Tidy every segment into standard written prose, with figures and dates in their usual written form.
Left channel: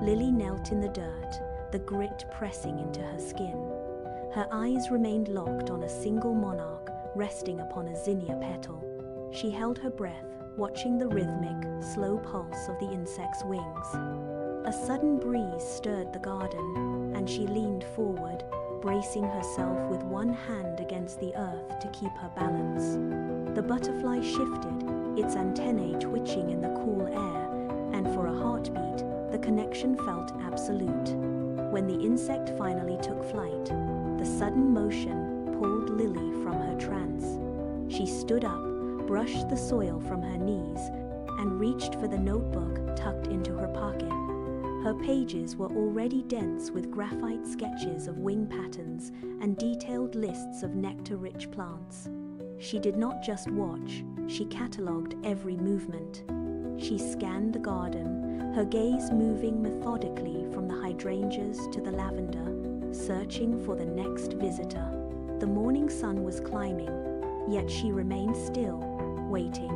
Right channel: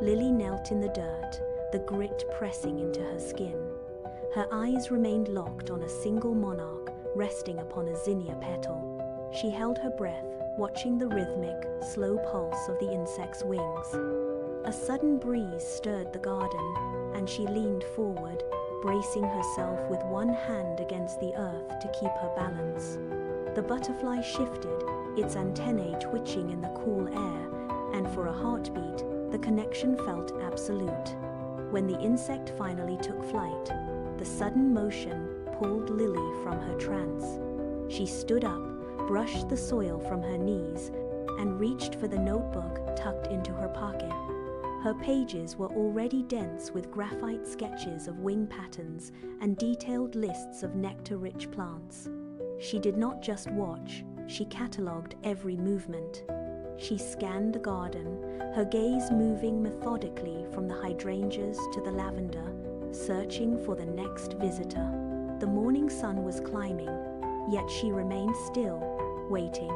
Lily knelt in the dirt, the grit pressing into her skin. Her eyes remained locked on a single monarch resting upon a zinnia petal. She held her breath, watching the rhythmic, slow pulse of the insect's wings. A sudden breeze stirred the garden, and she leaned forward, bracing herself with one hand against the earth to keep her balance. The butterfly shifted, its antennae twitching in the cool air, and for a heartbeat, the connection felt absolute. When the insect finally took flight, the sudden motion pulled Lily from her trance. She stood up, brushed the soil from her knees, and reached for the notebook tucked into her pocket. Her pages were already dense with graphite sketches of wing patterns and detailed lists of nectar-rich plants. She did not just watch, she catalogued every movement. She scanned the garden, her gaze moving methodically from the hydrangeas to the lavender, searching for the next visitor. The morning sun was climbing, yet she remained still, waiting.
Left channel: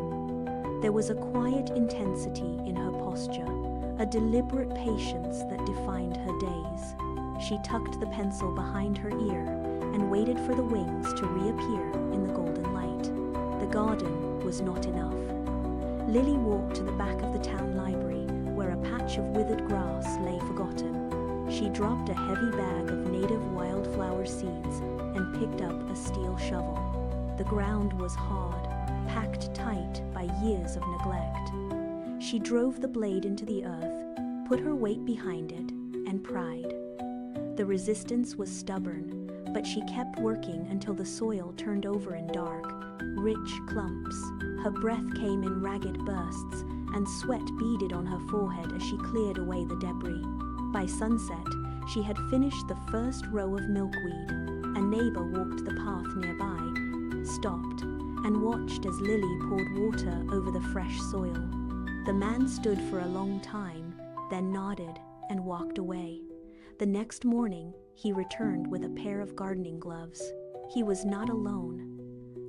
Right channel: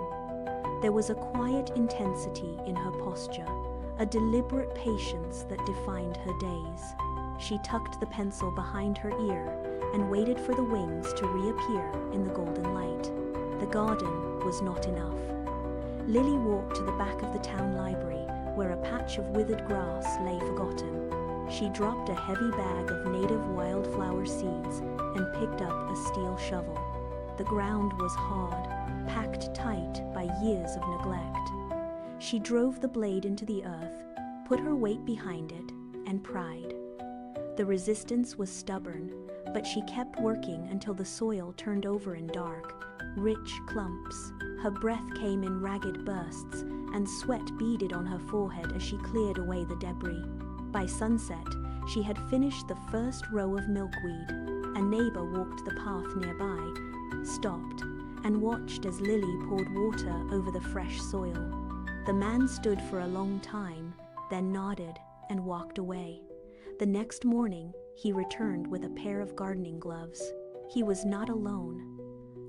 There was a quiet intensity in her posture, a deliberate patience that defined her days. She tucked the pencil behind her ear and waited for the wings to reappear in the golden light. The garden was not enough. Lily walked to the back of the town library, where a patch of withered grass lay forgotten. She dropped a heavy bag of native wildflower seeds and picked up a steel shovel. The ground was hard, packed tight by years of neglect. She drove the blade into the earth, put her weight behind it, and pried. The resistance was stubborn, but she kept working until the soil turned over in dark, rich clumps. Her breath came in ragged bursts, and sweat beaded on her forehead as she cleared away the debris. By sunset, she had finished the first row of milkweed. A neighbor walked the path nearby, stopped, and watched as Lily poured water over the fresh soil. The man stood for a long time, then nodded and walked away. The next morning, he returned with a pair of gardening gloves. He was not alone.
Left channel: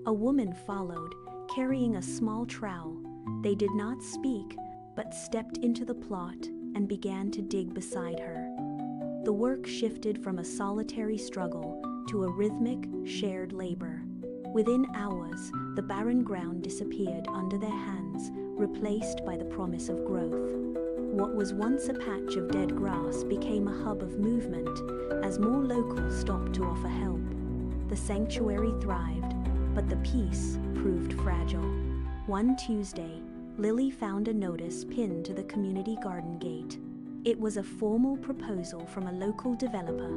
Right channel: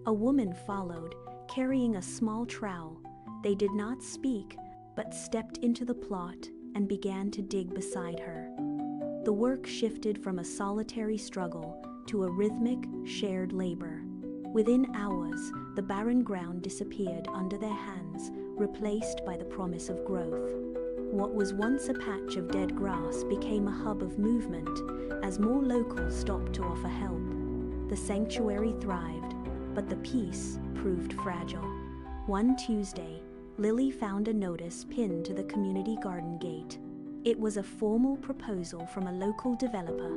A woman followed, carrying a small trowel. They did not speak, but stepped into the plot and began to dig beside her. The work shifted from a solitary struggle to a rhythmic, shared labor. Within hours, the barren ground disappeared under their hands, replaced by the promise of growth. What was once a patch of dead grass became a hub of movement as more locals stopped to offer help. The sanctuary thrived, but the peace proved fragile. One Tuesday, Lily found a notice pinned to the community garden gate. It was a formal proposal from a local developer.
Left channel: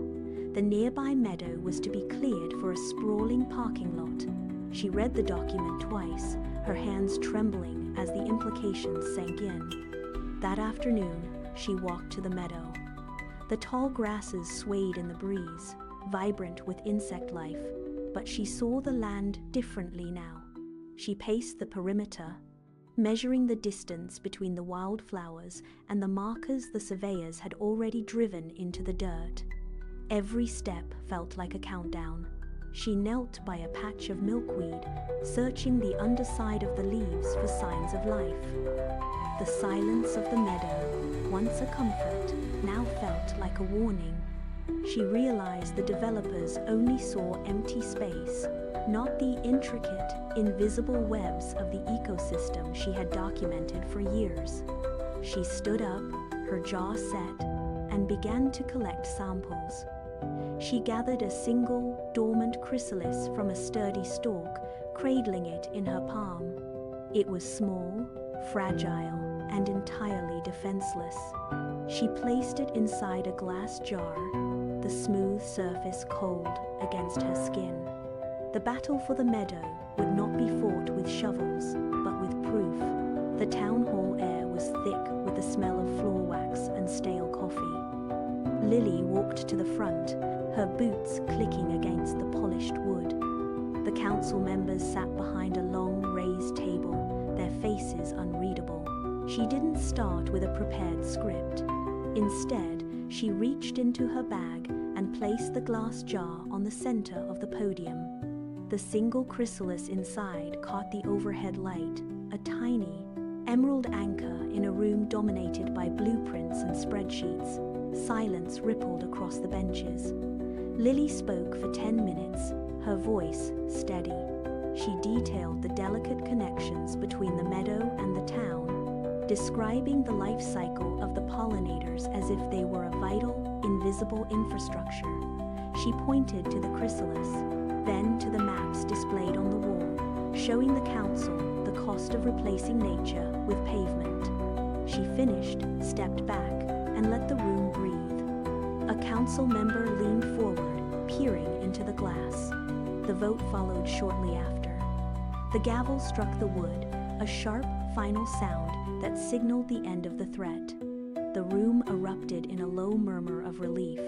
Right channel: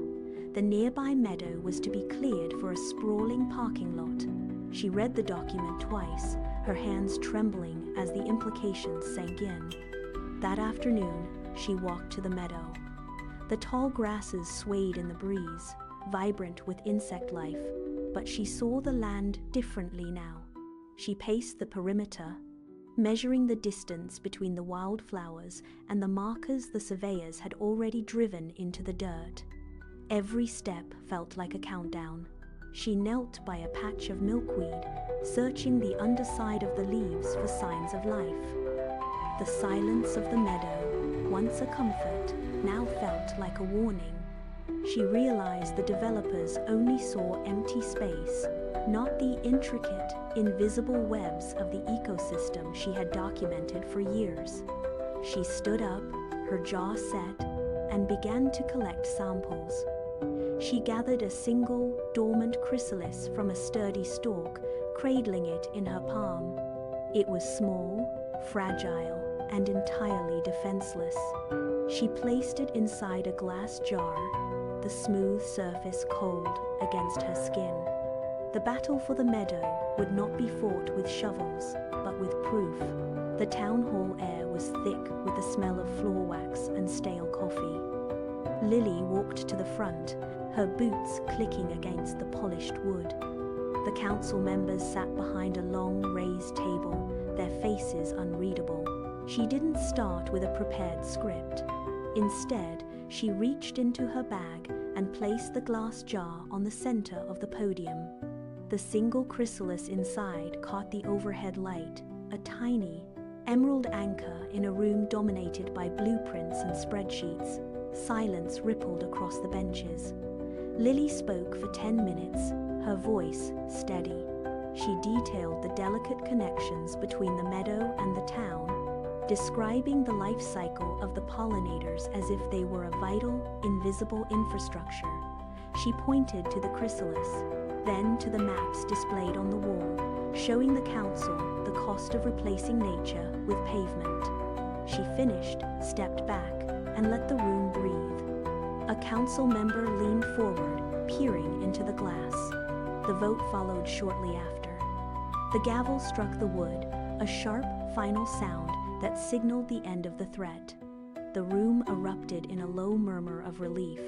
The nearby meadow was to be cleared for a sprawling parking lot. She read the document twice, her hands trembling as the implications sank in. That afternoon, she walked to the meadow. The tall grasses swayed in the breeze, vibrant with insect life, but she saw the land differently now. She paced the perimeter, measuring the distance between the wildflowers and the markers the surveyors had already driven into the dirt. Every step felt like a countdown. She knelt by a patch of milkweed, searching the underside of the leaves for signs of life. The silence of the meadow, once a comfort, now felt like a warning. She realized the developers only saw empty space, not the intricate, invisible webs of the ecosystem she had documented for years. She stood up, her jaw set, and began to collect samples. She gathered a single, dormant chrysalis from a sturdy stalk, cradling it in her palm. It was small, fragile, and entirely defenseless. She placed it inside a glass jar, the smooth surface cold against her skin. The battle for the meadow would not be fought with shovels, but with proof. The town hall air was thick with the smell of floor wax and stale coffee. Lily walked to the front, her boots clicking against the polished wood. The council members sat behind a long, raised table, their faces unreadable. She didn't start with a prepared script. Instead, she reached into her bag and placed the glass jar on the center of the podium. The single chrysalis inside caught the overhead light, a tiny, emerald anchor in a room dominated by blueprints and spreadsheets. Silence rippled across the benches. Lily spoke for 10 minutes, her voice steady. She detailed the delicate connections between the meadow and the town, describing the life cycle of the pollinators as if they were a vital, invisible infrastructure. She pointed to the chrysalis, then to the maps displayed on the wall, showing the council the cost of replacing nature with pavement. She finished, stepped back, and let the room breathe. A council member leaned forward, peering into the glass. The vote followed shortly after. The gavel struck the wood, a sharp, final sound that signaled the end of the threat. The room erupted in a low murmur of relief.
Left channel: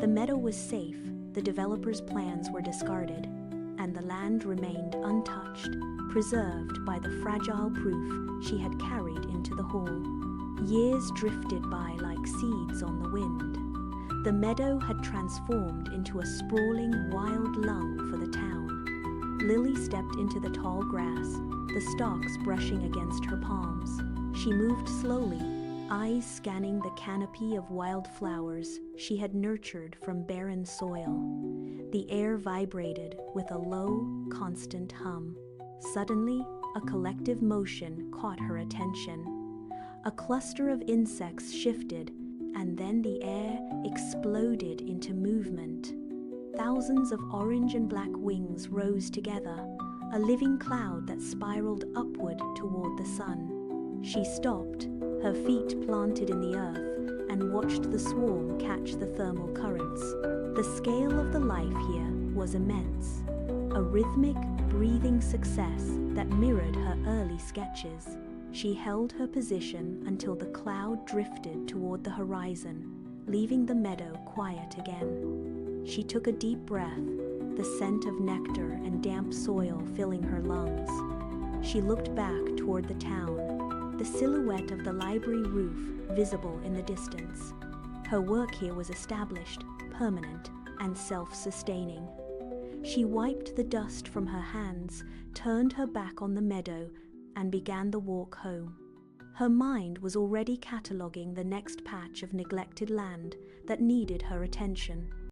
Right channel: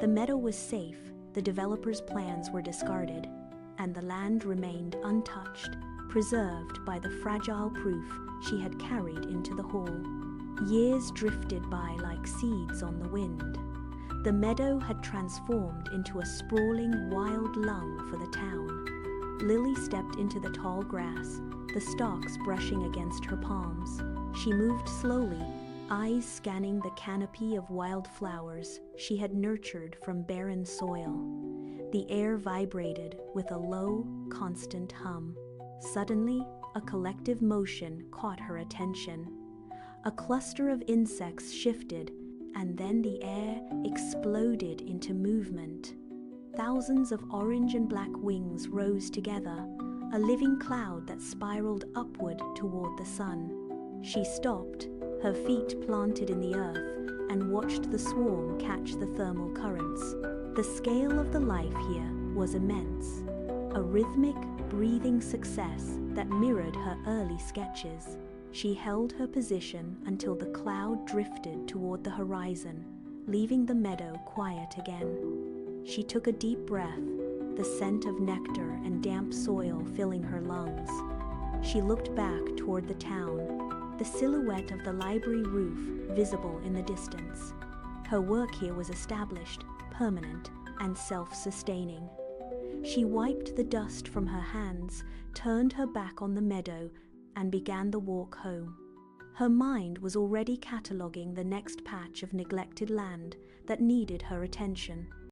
The meadow was safe, the developers' plans were discarded, and the land remained untouched, preserved by the fragile proof she had carried into the hall. Years drifted by like seeds on the wind. The meadow had transformed into a sprawling wild lung for the town. Lily stepped into the tall grass, the stalks brushing against her palms. She moved slowly, eyes scanning the canopy of wildflowers she had nurtured from barren soil. The air vibrated with a low, constant hum. Suddenly, a collective motion caught her attention. A cluster of insects shifted, and then the air exploded into movement. Thousands of orange and black wings rose together, a living cloud that spiraled upward toward the sun. She stopped, her feet planted in the earth, and watched the swarm catch the thermal currents. The scale of the life here was immense, a rhythmic, breathing success that mirrored her early sketches. She held her position until the cloud drifted toward the horizon, leaving the meadow quiet again. She took a deep breath, the scent of nectar and damp soil filling her lungs. She looked back toward the town, the silhouette of the library roof visible in the distance. Her work here was established, permanent, and self-sustaining. She wiped the dust from her hands, turned her back on the meadow, and began the walk home. Her mind was already cataloguing the next patch of neglected land that needed her attention.